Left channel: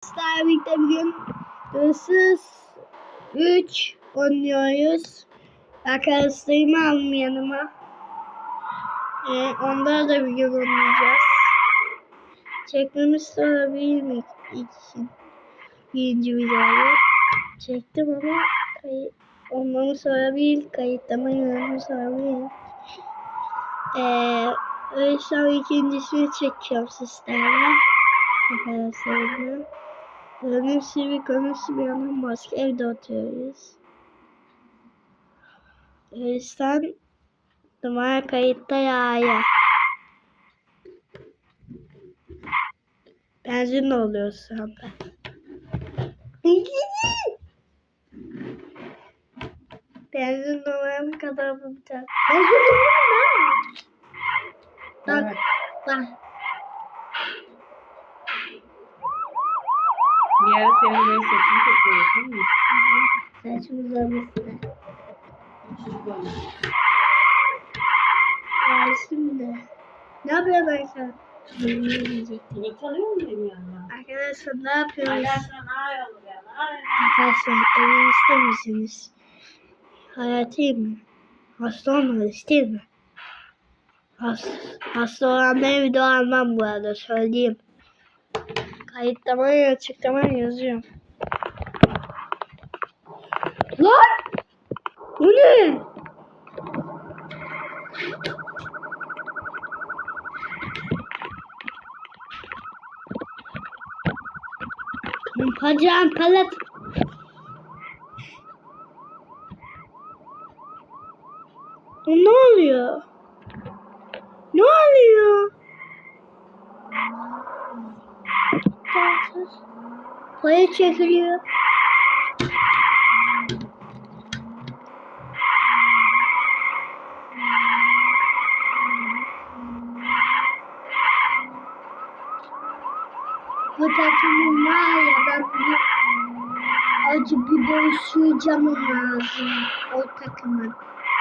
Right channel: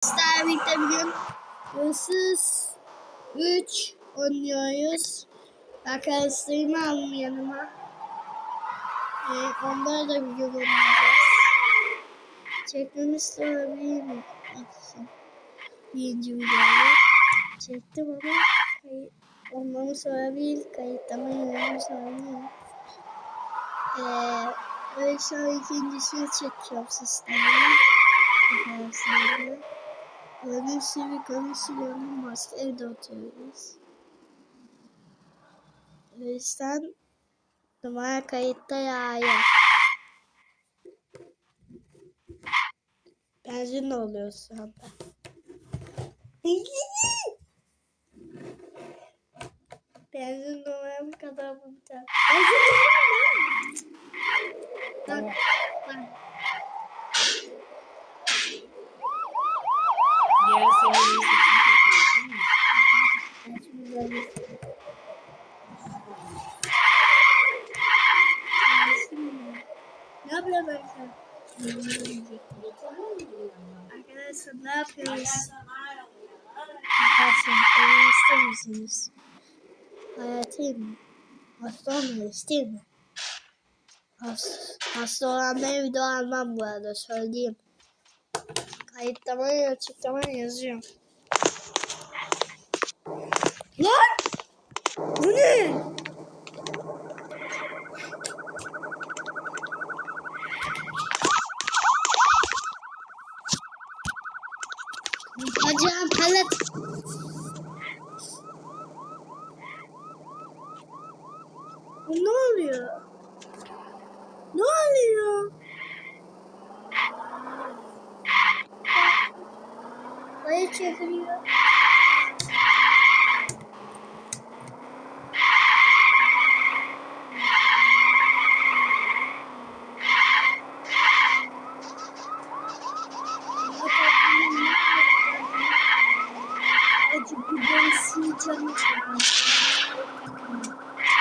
Sizlerle birlikte bugün hırsız 3 oynuyoruz. Arkadaşlarımı aldım yanıma. Ee, onlara da bir gün oynayacağız. Çekmemiş de olabilir mi? için birinci videoyu. Çektim ama kayıt olmamı sorabilir. Kayıtlama yönümü sorabilir. Ee, öyle sonra ikincisini çekiyorum sizlerle. Arkadaşlarımla. Gördüğünüz gibi konusu bir yandan başka evde oturuyoruz. O yüzden numara kayıtta yağıyor. Benzin oluyor şu anda. Benzin numaram kadar bu bir. Benzin numaram ne? Bak, bak. Bir ara senin böyle saçını topluyorsun değil mi? Olmasın. Çocuk olmuş. Ya şimdi. Ne yapıyor Berkan? Yiyecek. Yemek alıyor mu benim yanıma? Arkadaşlar ne yapıyoruz? Arkadaşlar ne evi ister misiniz? Hayatım mı? Hasta olmadınız değil mi? Hasta, hasta olanlara video almam bu arada söyleyeyim. Kayıtlamaya açıklamaya yazıyorum. Lan! Bu ne? Hocam palet. Ne oluyor? Ne oluyor? Paya çekiliyor. Bu takımın var ya ben bunu acı biber süreceğim lazım o takımın.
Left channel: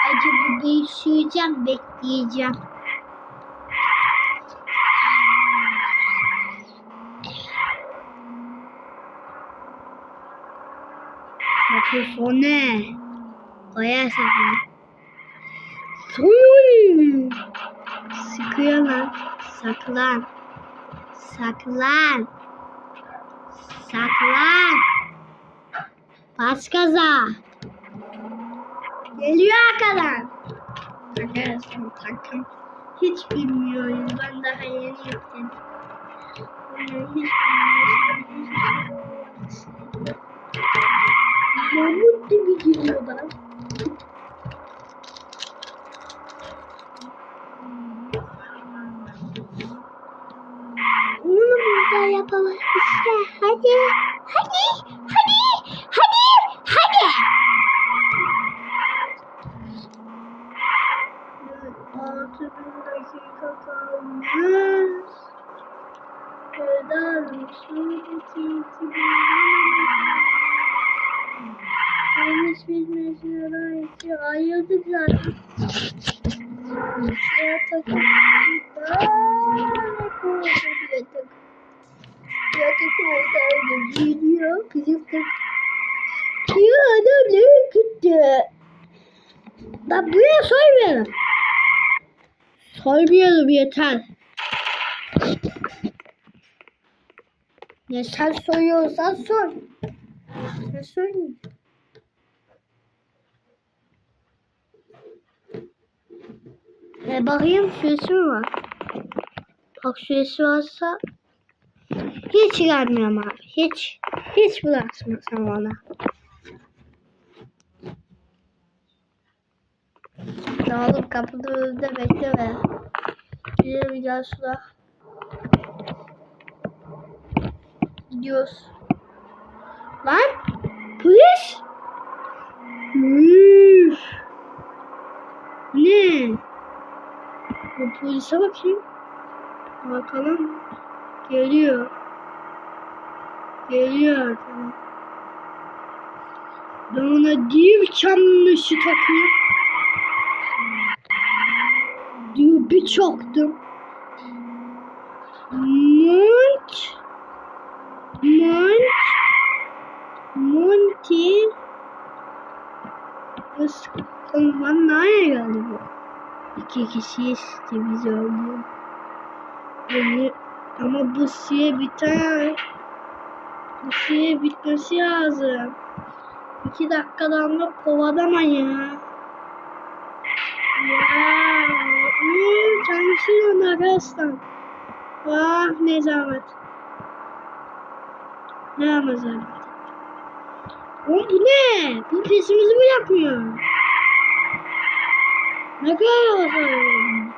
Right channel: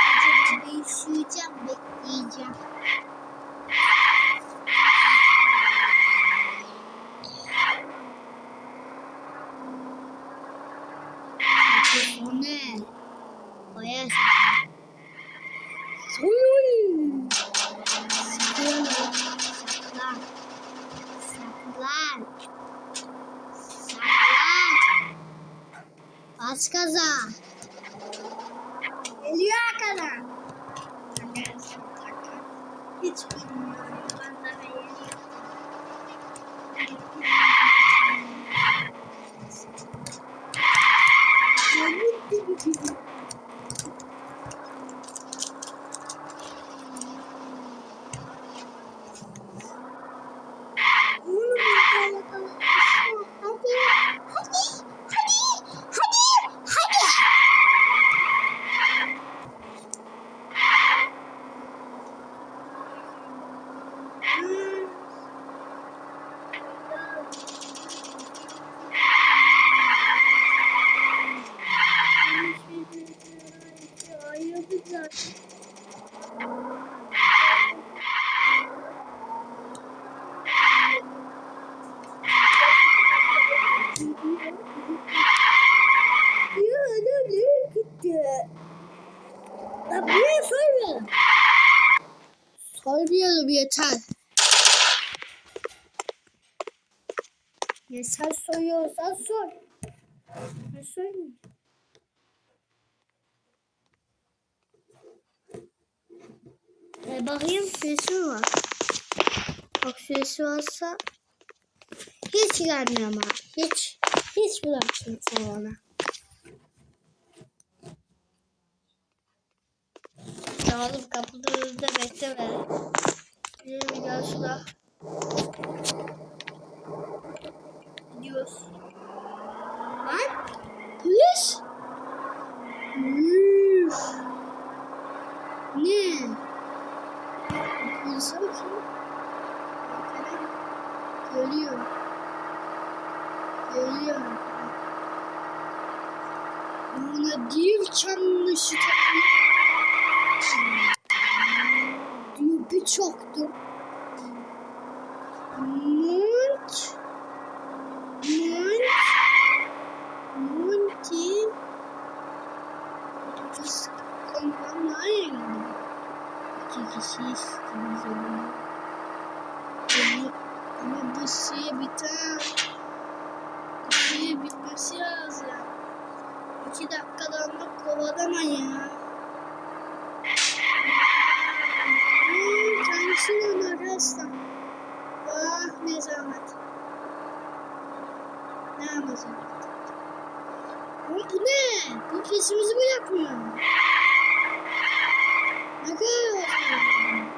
Acı biberi süreceğim bekleyeceğim. Hadi o ne? Baya sakın. Soyun. Sıkıyor lan. Saklan. Saklan. Saklan. Bas gaza. Geliyor arkadan. Arkadaşlar takım. Hiç bilmiyorum. Ben daha yeni Почему ты не выбрал? Ну, ну, ну я была еще один. Ben buraya soymuyorum. Soymuyorum yeter. Ya sen soyuyorsan soy. Ne soyayım? E bakayım süresi mi var? Bak süresi varsa hiç gelmiyorum abi. Hiç hiç bırakmasam ona. Ya oğlum kapıda önünde bekle be. Gidelim gel şurada. Gidiyoruz. Lan polis. Üf. Ne? Bu polise bakayım. Bakalım. Geliyor. Geliyor. Ben ona div çamlışı takıyorum. Diyor güç yoktu. Mont Mont Monty Kıskanman nereye geldi bu? İki kişi istemiz oldu. Beni, ama bu süre biter. Bu süre bitmesi lazım. İki dakikadan da kovalama ya. Ya hmm, kendisinin arkadaşlar. Ah ne zahmet. Ne ama zahmet. Oğlum bu ne? Bu pesimizi mi yapmıyor? Ne kadar olsun?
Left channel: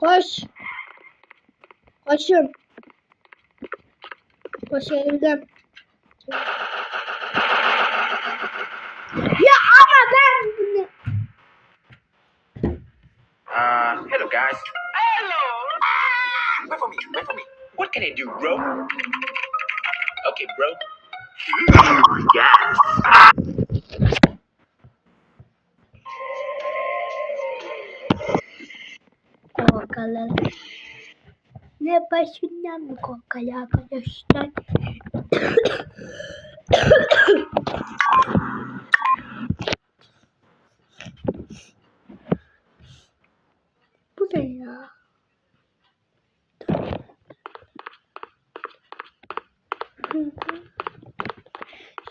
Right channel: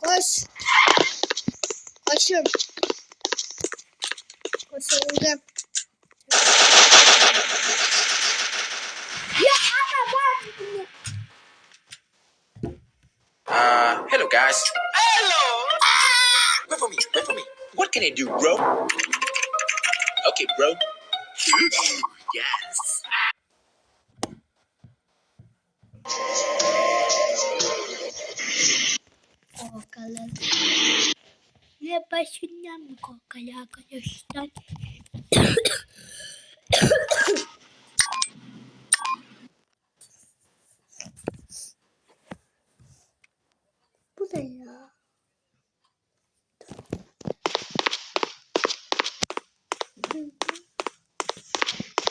Koş. Koşun. Koşun gel. Uh, hello guys. Hello. Ah, wait for me. Wait for me. What can I do, bro? Okay, bro. yes. Korkalı. Ne başından mı korkalı arkadaşlar?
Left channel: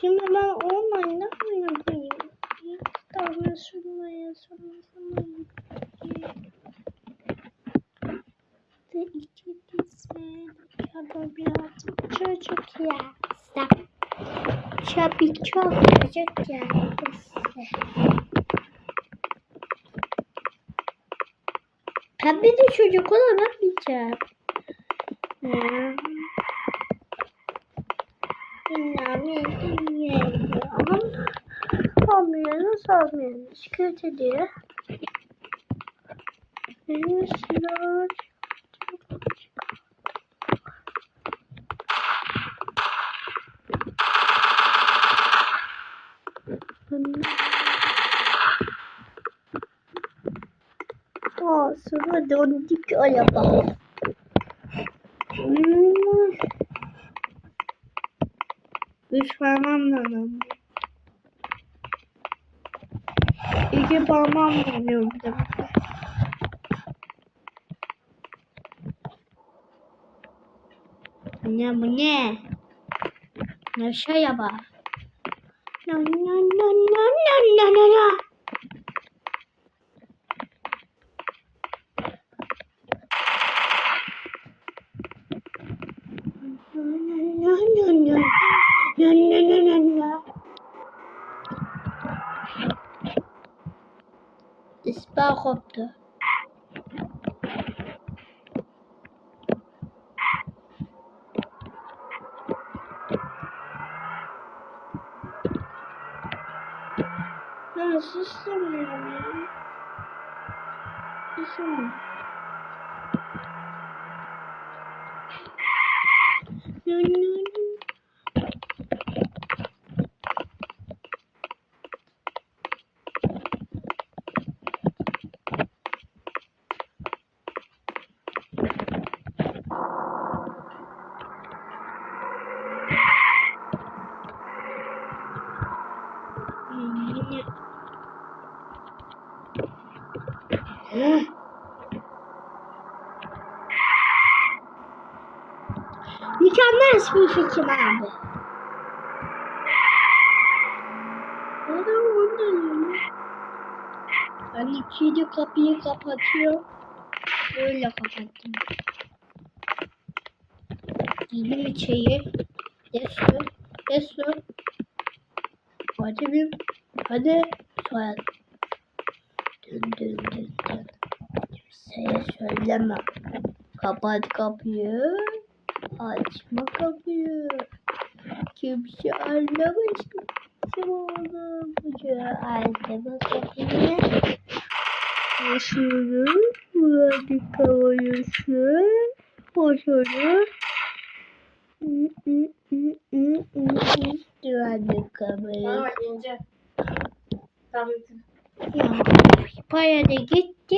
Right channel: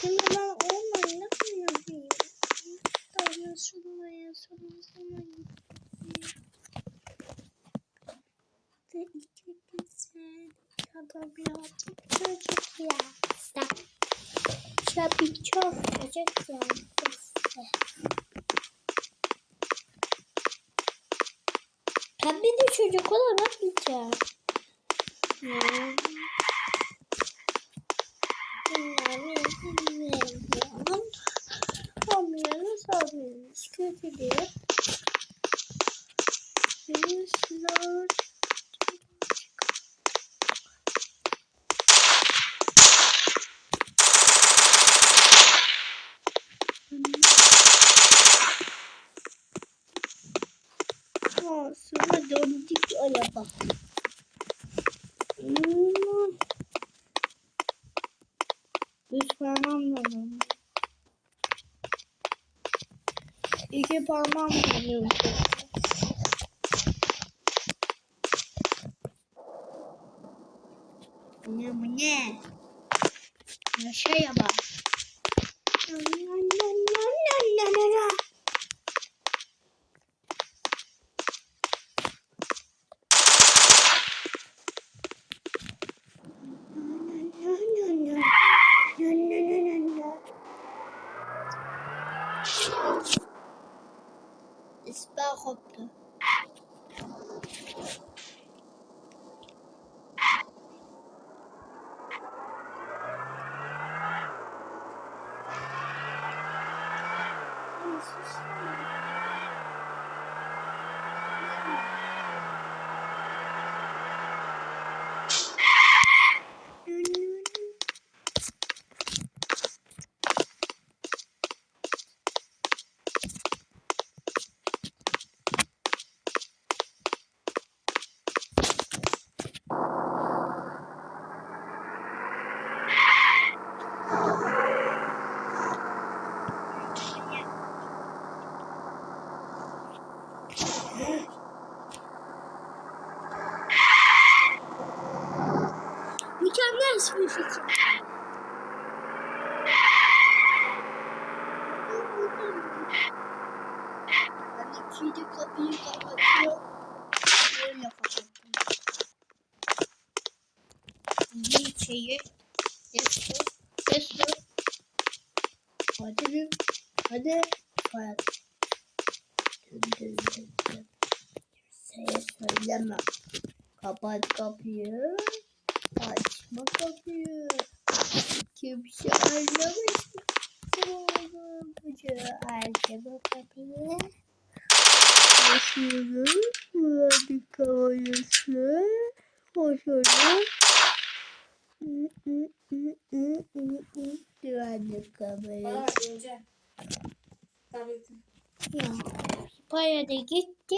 Şimdi ben online yapayım? Tamam şuraya şuraya de iki güzel birazcık çocuk ya. Çabi çok çocuk ya. Pembe de çocuk olamayacağım. Ya. Olmuyoruz, olmuyoruz. Kötü diyor. Biliyorsunuz. Aa, sonra döndük araba. Lazım. İki parmağım lazım. Bu ne bu ne? Ne şey yapa? Na na na na na na na na. İspa koptu. Ya susturmuyorum ya. Susturmuyorum. No, no, no. Mükemmel bir fikir abi. Adam ondan Ben ikili kapıyı kapatıyor. Böyle kapattım. Yine içeri. Destur. Destur. Hadi bir. Hadi. Soyad. Dün dün dün dün. Kimseye söyleme. Kapat kapıyı. Açma kapıyı. Kimse anlamasın. Oğlum bucu açma kapıyı. Açıyorum. Bana bak İnce. Tabletin. Ya, para da gitti.